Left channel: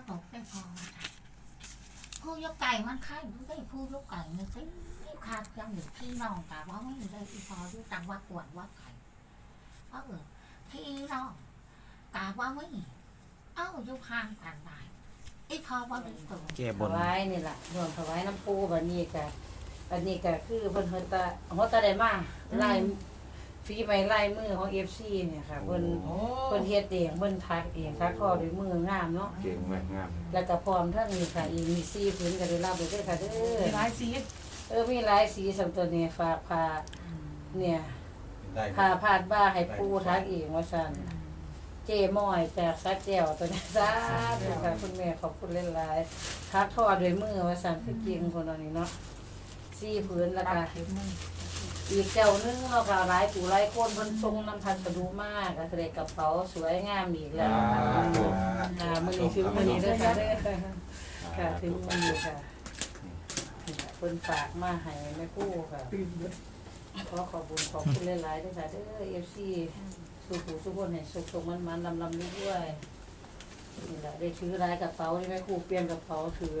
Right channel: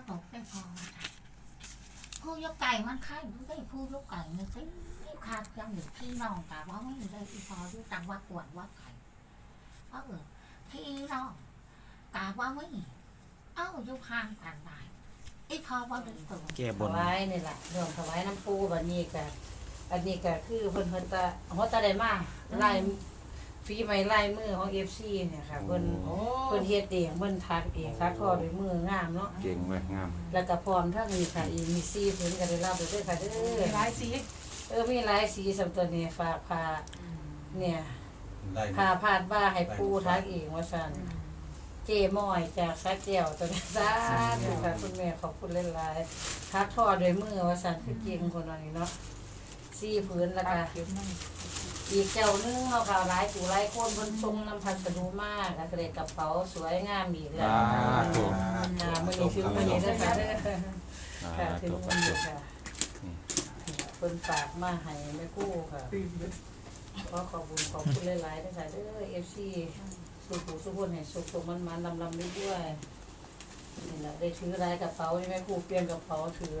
ว่าตกได้พอผู้ยกไก่มันค่ายผู้ได้ผู้ยกไก่เนี่ยสิขาดยังอยู่ที่น้องแต่ว่าไม่ได้ที่พอที่จังวัดกวนวัดไก่เออที่น้องแต่ว่าไม่เอ้าอยู่ห่างกันได้ไอ้พอว่าได้ตัวแก้บถนวายนี่แหละรวมถวายน้ำปูบัดนี้ก็อันนี้ก็คือเพิ่นเพิ่นตาหัวตาได้มาลาย ฝีไม้ลายมือของ FC เนี่ยค่ะเพิ่นเพิ่นเฮ็ดเองเพิ่นทักเองทักทอด้วยมืองามเนาะเก่งมากงามแล้วก็พร้อมทั้งนี้ค่ะอีกมีสีผืนก็ได้รับไปด้วยค่ะเด้อหลายสีเออมีหลายสีสำตัวนี้ฝากพาเนี่ยได้พาพาดบ้าให้ปูทักเองว่าซั่นเจม้อยจากสักแก้วตัวนี้สาธุค่ะคุณแม่ขอบคุณหลายๆทักทอด้วยมือว่าซั่นคือเก่งคนนี้เนาะสีผืนแล้วก็เข็มนึง อีกเจ้านึงเนาะค่ะหลายผู้หลายคนเพิ่นทรงน้ำพันกระดูมากก็เลยกระเป๋าสวยงามอีกแล้วค่ะค่ะมื้อนี้ถึงมื้อนี้เด้อค่ะเด้อค่ะถึงมื้อนี้ค่ะเพิ่นฝากมาให้แม่กู้ค่ะเลยขอขอบคุณขอบคุณหลายๆเด้อค่ะเด้อ FC สู่ผู้สุขคนให้สุขๆมันๆลำๆด้วยๆ นี่แหละได้ถือหลายกระเป๋านี่แม่ครูเปลี่ยนกระเป๋าถือ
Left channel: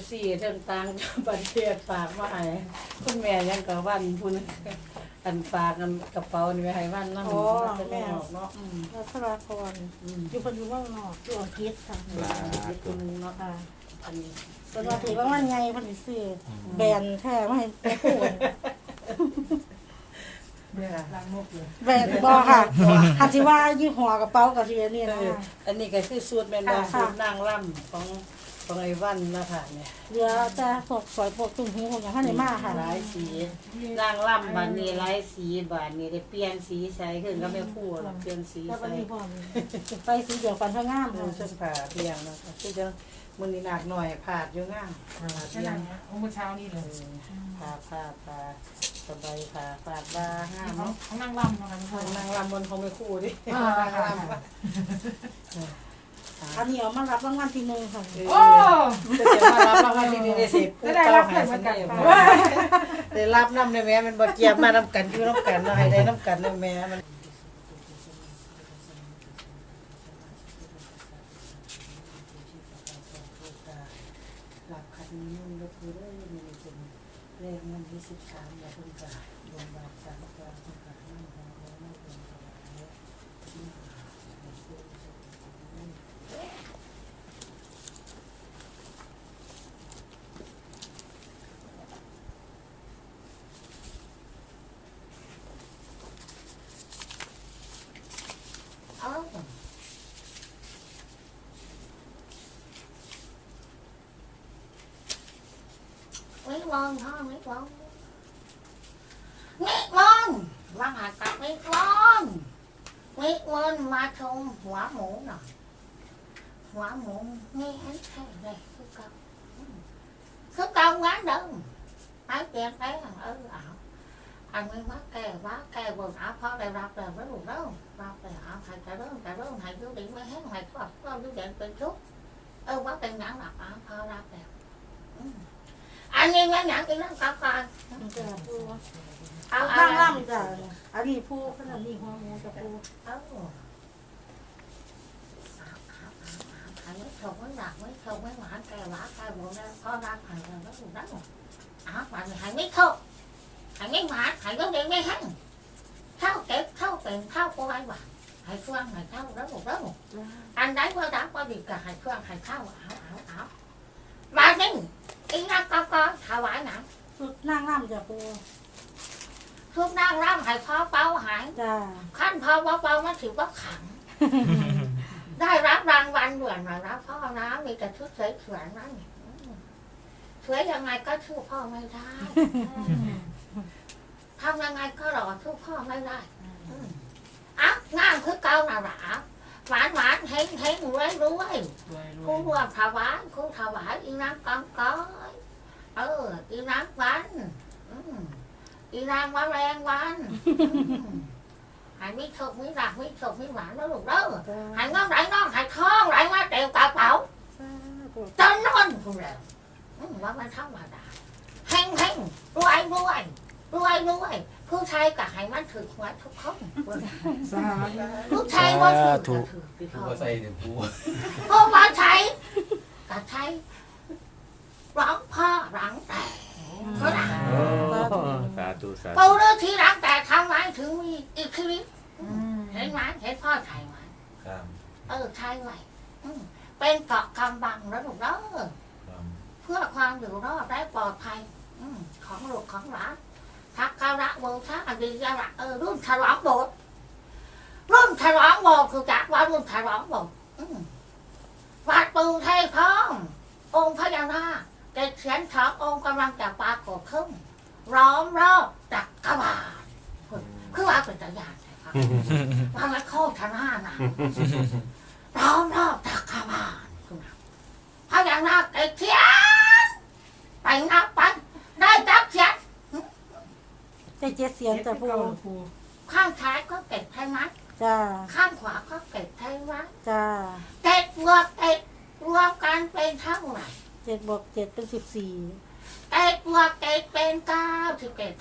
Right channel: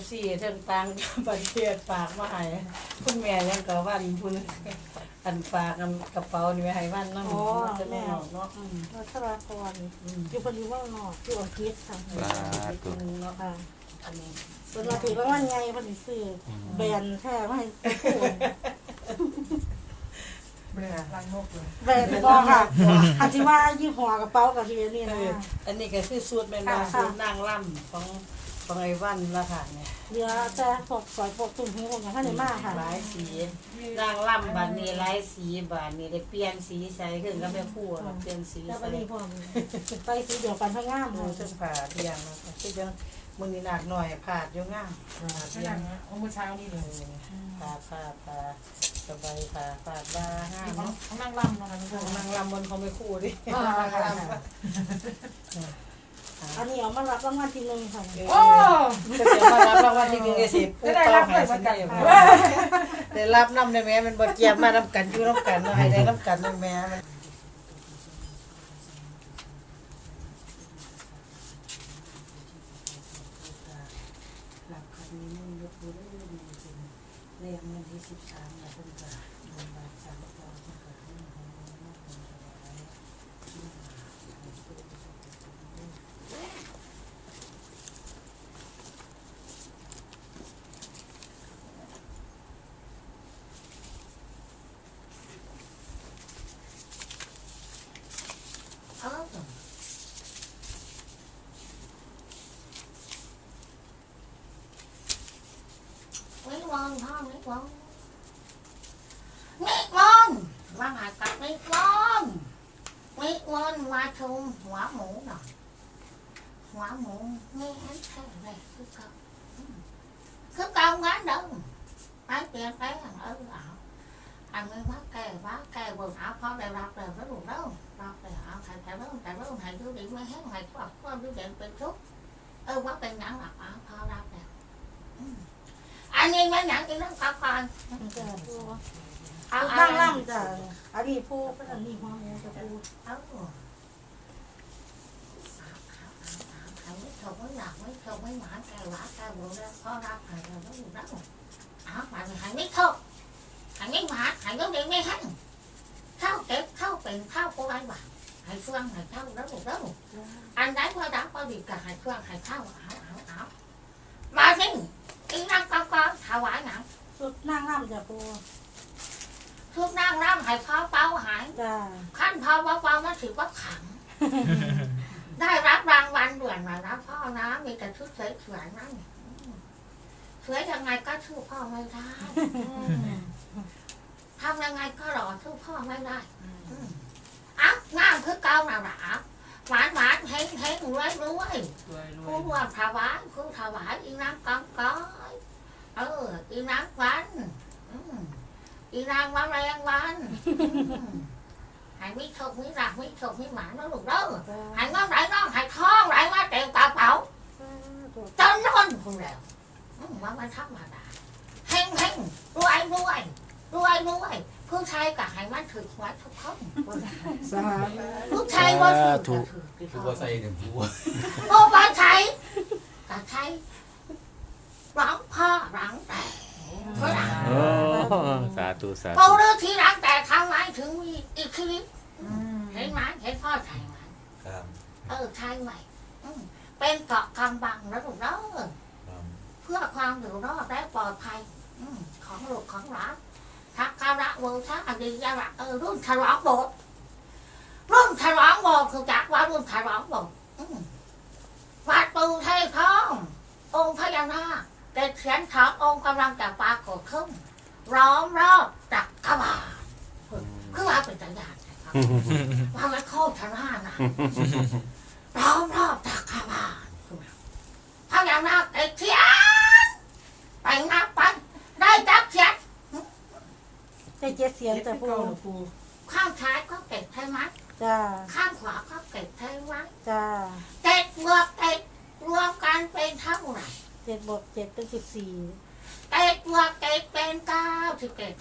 FC เทั้งต่างประเทศฝากมาให้คุณแม่ยังก็วันพุ่นอันฝากอันกระเป๋านี่ไว้ให้วันเนาะโอ้จะไม่แม่ ออกเนาะอืมวัชราพรอืมอยู่คนอยู่ว่างนอกอยู่อังกฤษค่ะขอบคุณเนาะค่ะอันนี้คนว่าถือว่ามันไงมันสิซื้อแบรนด์แท้ไม่ให้เบื่อล้างนกอยู่ แบรนด์ก็ค่ะอาจจะว่ายี่ห้อกระเป๋ากับชีวิตนี่เอนะออันนี้ก็คือสูตรแม่นบ่ค่ะ สูตรนางร่ำของ ของไอ้วันนะคะเนี่ยเหลือแต่พวกสอยพวกตุ้งหูพวกอย่างนั้นในมากค่ะหลายสีนางล่ำบานนี้หลายสีบานนี้ได้เปลี่ยนสีใส่ขึ้นก็ไม่พูดหรอกเปลี่ยนสีแล้ววัใส่นนี้พร้อมใส่สีเดียวกันก็งามเอเลอยเสื้อผ้าเพียงเนาะคือจังมื้อนี้หนักหน่อยผาดอยู่งามผาดใช่เพีไหยมงโอ้เมื่อเช้านี่เลยผาผาผาสบายผาผาดบางามเขาเนาะเขานั่งล่ำเนาะกันทุกคนนางลำบนเขาไม่คู่ดิอ่านางลำ อันนี้เอามารับรางวัลที่หนึ่งค่ะเอโอ้อก็จะมารับรางวัลที่หนึ่งในสิบผู้เป้าหายสันได้บ่ได้รับน้ำได้แม่มันบ่เจียมมาน้ำกันอยู่น้ำกันเนาะให้ได้น้ำกันได้แม่มันหลับคันนี้มุ่นยกมือได้มีเป็นเลขเงินที่สิบสามอย่าเพิ่งกาบนบาทสามประการต้องการนั่งของเรานั่งของเราและที่มาในตัวสุขภาพ เอ้าวิ มอนพ่อวิมอนวิมอนว่ามากับวิมอนวิมอนมาชมหัวหมูหน่อยหัวหมูมีอันแท้เลยคือเกับคือเกับงั้นเดิมไปเปลี่ยนไปเออเอันนี้ว่าแก่ว่าแก่บนเอาพ่อได้รับเลยไม่รู้เด้อรับเลยเอาใครจะเริ่มจะเริ่มให้ดูดีไม่แห้งให้ครอบครัวดูเด่นเป็นทุกข์เออว่างหลับเอาพ่อรับแล้วอืมอันนี้ไม่หนังอีกเองกับการจ้ะปูเอาบ้างล่ำล่ำจ้ะอันนี้ปูอันนี้หัวหมูจะปูเอาไม่ชมไม่หนักไม่ชมไม่หวานแก่หวานแก่บัวแล้วพ่อรับหายแล้วแล้วแล้วอ้าวมันหายไม่ชมหายไม่หวานหายก็เด็กไม่แห้งเข้าเก็บเข้าเป็นเข้าโกไอ้หวานหายเครื่องหายเข้าแล้วแล้ว anh đấy qua đá qua việc cả hai con hai thao ảo ảo ảo ba mình đi năng con con thao ải nặng สุ ดนั่งล่ำจ้ะปู thương năng lắm hai kho bao hải จ้ะ khăn kho bao bao nó chịu bất khẳng đây ráp răng văn đuổi mà ráp kho nó มีแต่ชุดสวยสวยนั่นสวยยังไงก็สู้พ่อไม่ได้ทำยังไงก็หล่อสู้พ่อไม่ได้อะงามคือเก่าน่ะหรอ หวานหวานเฮงเฮงรวยรวยผู้รวมถวายผู้ถวายอีนางกองก้อยเอออีนางวันอืมอีนางวันแรงวันอืมใหายมิโชคมิรักมิโชคมิหวานแล้วลูกเด้อใหายน้องไหลน้องใหายคล้องไหลมาเต็มกระเป๋าจนนอนคุณแล้วอืมว่ามันธรรมดาเฮงเฮงรวยรวยรวยรวย ผู้ชายกับให้มันถือหัวทุกคนผู้ชายว่าถืกถือผู้ว่าใส่ถึงผู้ผู้ชายกับใช้รังพ่อรังแต่เขาด่าสาธุสาธุเขาเลือกที่รัองแต่ทางไมถึงมีอีกคลิปเห็นไหมเห็นพ่อใช้ไหมเออไช่ไหมเป็นเกาะกำบังแล้วถูกแล้วเพื่อความอยู่รอดและปลอดภัยของหลวงของหลาน ทักการะโวชะอดียระเออรุ่นฉลองโบสรุ่นฉลองโบสคือจักว่ารุ่นฉลองโบสวัดปูไทยทอง องค์พญานาคเด็กเสียนสององค์กำลังจะปรากฏขึ้นร้อมรอบจักรวาลคือว่าเป็นจักรยานนะครับว่ามันโคตรนานะร้อมรอบจักรวาลพญานาคเด็กเสียนไปนับไปได้จับเสียน ได้เจ็ดเสียงเจ็ดจ้ะปูปูปูข้างซ้ายก็เก็บใช่ไหมจ้าข้างขวาก็เก็บใช่ไหมจ้าเจ็ดบวกเจ็ดรวมกันเป็นเท่าไหร่เจ็ดบวกเจ็ดเป็นสิบสี่เจ็ดบวกเจ็ดเป็นเก้าสิบเอ็ด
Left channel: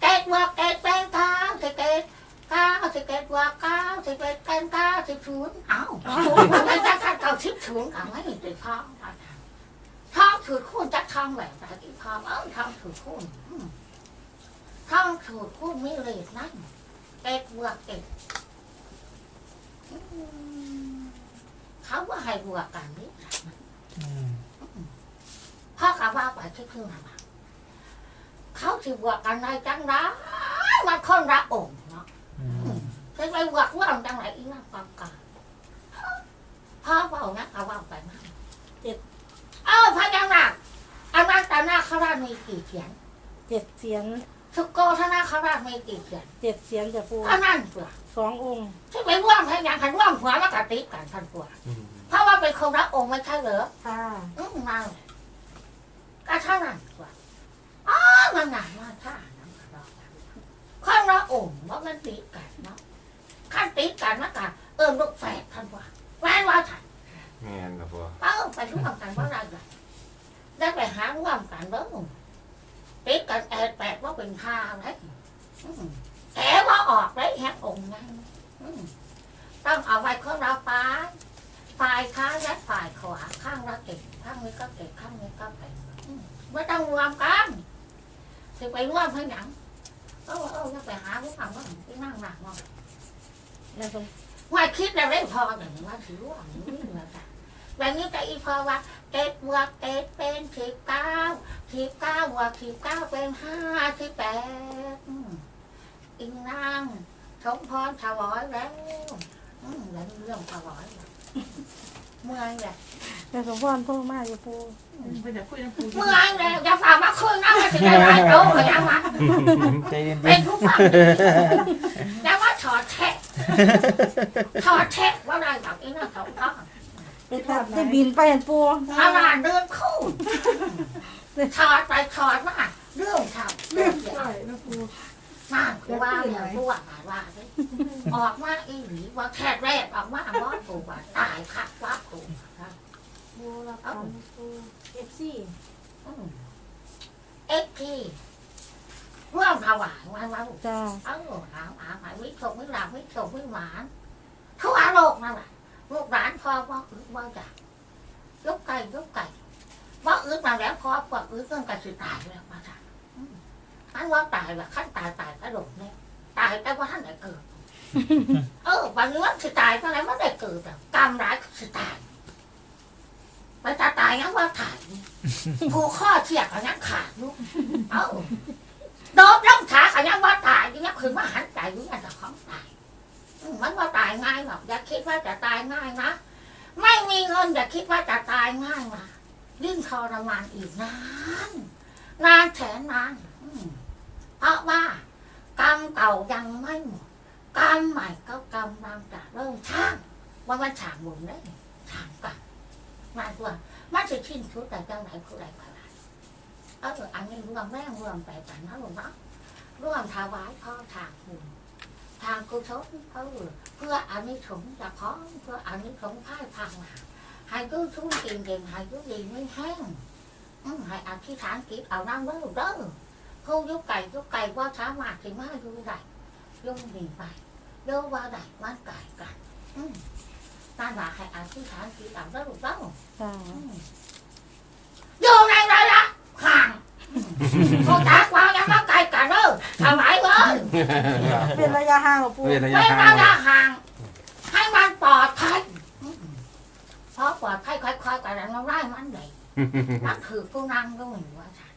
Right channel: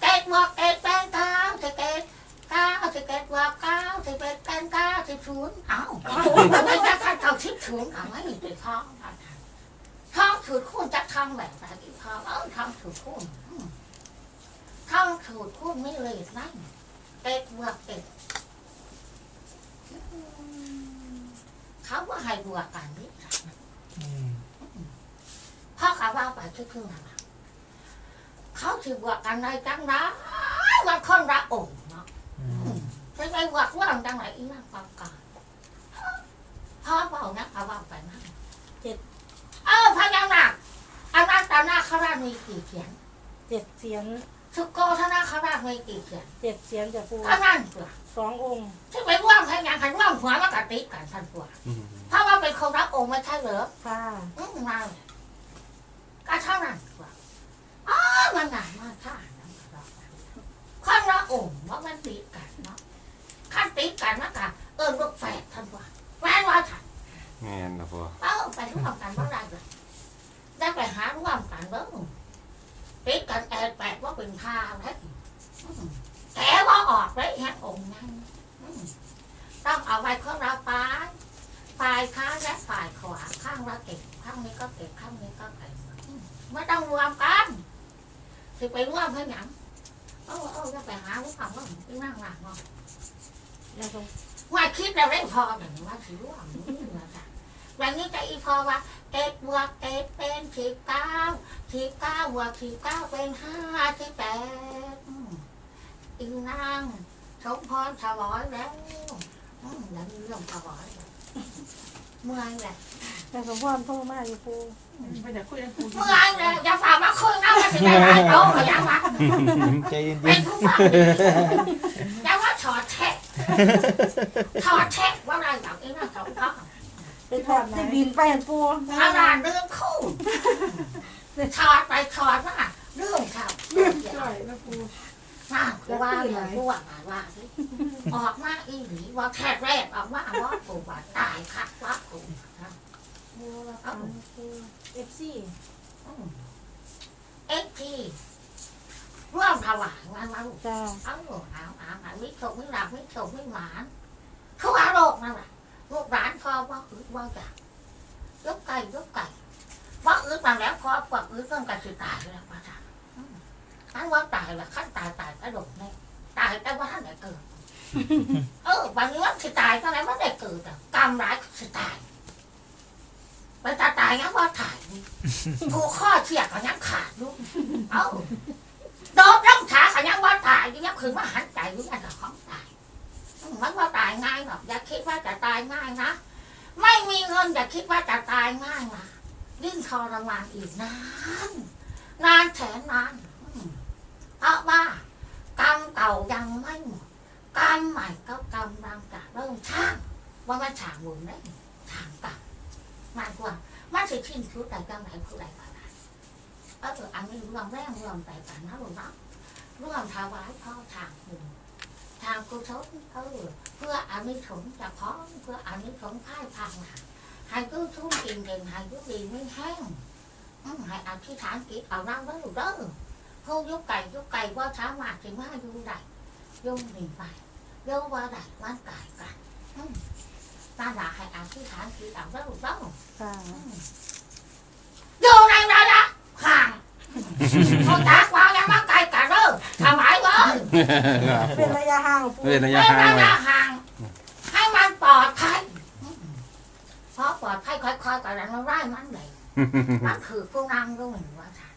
เจ็ดบวกเจ็ดเป็นเก้าสิบเอ็ดเก้าสิบเอ็ดบวกเก้าสิบเอ็ดเป็นเก้าสิบศูนย์เอ้าไม่จะขั้นเก้าสิบศูนย์กันไม่ติดท้องท้องถือคุ ณจะทำแบบไหนติดท้อเอ้าทำถือคุณทำถือคุณไม่เลยนั่นเจ็ดบวกเจ็ดเขาว่าให้บวกกันนี่พ่อกับว่าไปที่พึ่งอะไรเขาถือบวกกันได้จังนะมันคนละองค์เนาะจะไปบวกว่าจังไหนอีนั่งกองกาพ่อเบานะเขาว่าไปนะเออพญานาคอันนั้นตานา คราชมีกี่เสียงเจ็ดเสียงสุโกธนาคราชมีกี่เสียงเจ็ดเสียงจ้ะปูอันนั้นเปล่าสององค์ที่ไปว่างพญาคันว่างหัวแล้วกติกันทันกว่าเพราะว่าเป็นคนละองค์ไม่ใช่เหรอค่ะอืมมาเลยก็เท่านั้นกว่าอ๋อมันหนามาท่าน้ำกระดอกข้างละองค์ว่ามันตีกันเนาะขั้นตีกันนะกะเออลูกแฝดท่านว่าแฝดว่าฉันแม่นครับปูเออไปร่วมกันว่าได้เลยได้ไปหาร่วม กันเด้อตีกันแอดแปดว่าเป็นข้าวเลยแต่ว่าออกเลยฮะองค์นั้นต้องเอาไว้ข้างละฟ้าฝ่ายค้ายและฝ่ายขวาข้างละเก็บข้างนี้ก็เก็บข้างนี้ก็เก็บไม่ต้องรวมกันจะไปรวมให้หนังเออเออจะไปหาผู้ฟังว่าไปนั่งหนักมองนะคะว่าคิดแล้วได้พออย่งว่าถือว่านี่เหมือนกัน แบบนี้จะอีพอว่าเจ็ดบวกเจ็ดเป็นสิบเก้าสิบเก้าบวกสิบเก้าเป็นห้าสิบแปดอีนางสมพรถวายแล้วอืมแล้วนี่เรื่องถวายเมื่อยแหละแต่สมพรพ่อมาอยู่ปูไปเดี๋ยวคุยกันปูเมื่อยแหละอย่าฝากมาคุยนะมันจะได้หลายโตก็ยังวะใจเย็เป็นผู้ฟังแต่ว่าถอดแทะถอดแทะว่าอะไรแบบนี้นะเขา เขาไปทำได้บินไปอันปูขนาดเรื่องคู่ถอดไปถอดมาเรื่องทำเรื่องใช่แม่ปูงานกูว่าเนี่ยกูว่าหมายว่าออกมาอีหลีว่าแค่แรกออกมาว่ากูว่าตายคัดว่ากูนะปูละพันปูเอฟซีเอ็กพีร่วมถวายวันวันจ้าเออถามถามหาวิโชคไม่หลับวิโชคไม่หวานทั่วโลกนั่นแหละลูกหลานพอ ว่าอึดว่าอยากยกไก่ยกไก่ว่าอึดมาแล้วพอปวดอึดต้องกันสิตายแล้วมาจ้ะอืมอันว่าตายละขั้นตายตายกระโดดเนี่ยตายแต่ว่าท่านไหนเกิดเออบางทีว่าสิตายเท่าไหร่มันได้เกิดแต่กรรมร้ายสิตายไปตาตายงั้นว่าถ่ายผูกข้อเทียกกันยังขาดลูกเอ้าโดนร่างขาขยังว่าตายยังคืนว่าหันใจอยู่ยังจะของตายมันว่าตายง่ายหรอกอย่าคิดว่าจะตายง่ายนะ ไม่มีเงินอย่าคิดว่าจะตายง่ายนะยิ่งทรมานอีกนานนานแสนนานเพราะว่ากรรมเก่ายังไม่หมดกรรมใหม่ก็กำลังจะเริ่มช่างว่ามันฉางบุญได้ช่างกรรมหมายความันจะชิ้นชุดแต่จังไหนผู้ใดก็ได้เอออันนี้รวมแรงรวมไปกันนะลูกเนาะรวมถวายพ่อทางบุญ ทางกุศลเออเพื่ออานิสงส์จะพร้อมเพื่ออานิสงส์พ่ายพังมาให้กู้ชุ่มกินเก่งให้ยุดีไม่แห้งอืมให้อธิษฐานจิตเอาน้ำเด้อเด้อผู้ยุกไก่ยุกไก่ว่าสามารถสิมาอยู่ได้ยุ่งหนีไปโยว่าได้มันกายกันอืมนั่นแหละให้อธิษฐานจิตเอาเด้อเด้อจ้าอยู่ในระยะพอจากว่ายังมาไกลกันเด้อถวาย เลยเป็นระยะห่างกับปูเว้นระเว้ยะนห่างระยะห่างให้มันปลอดภัยเพราะปลอดภัยค่อยๆกันแล้วเราได้มันเลยมันคือผู้นั่งก็เหมือนว่าฉัน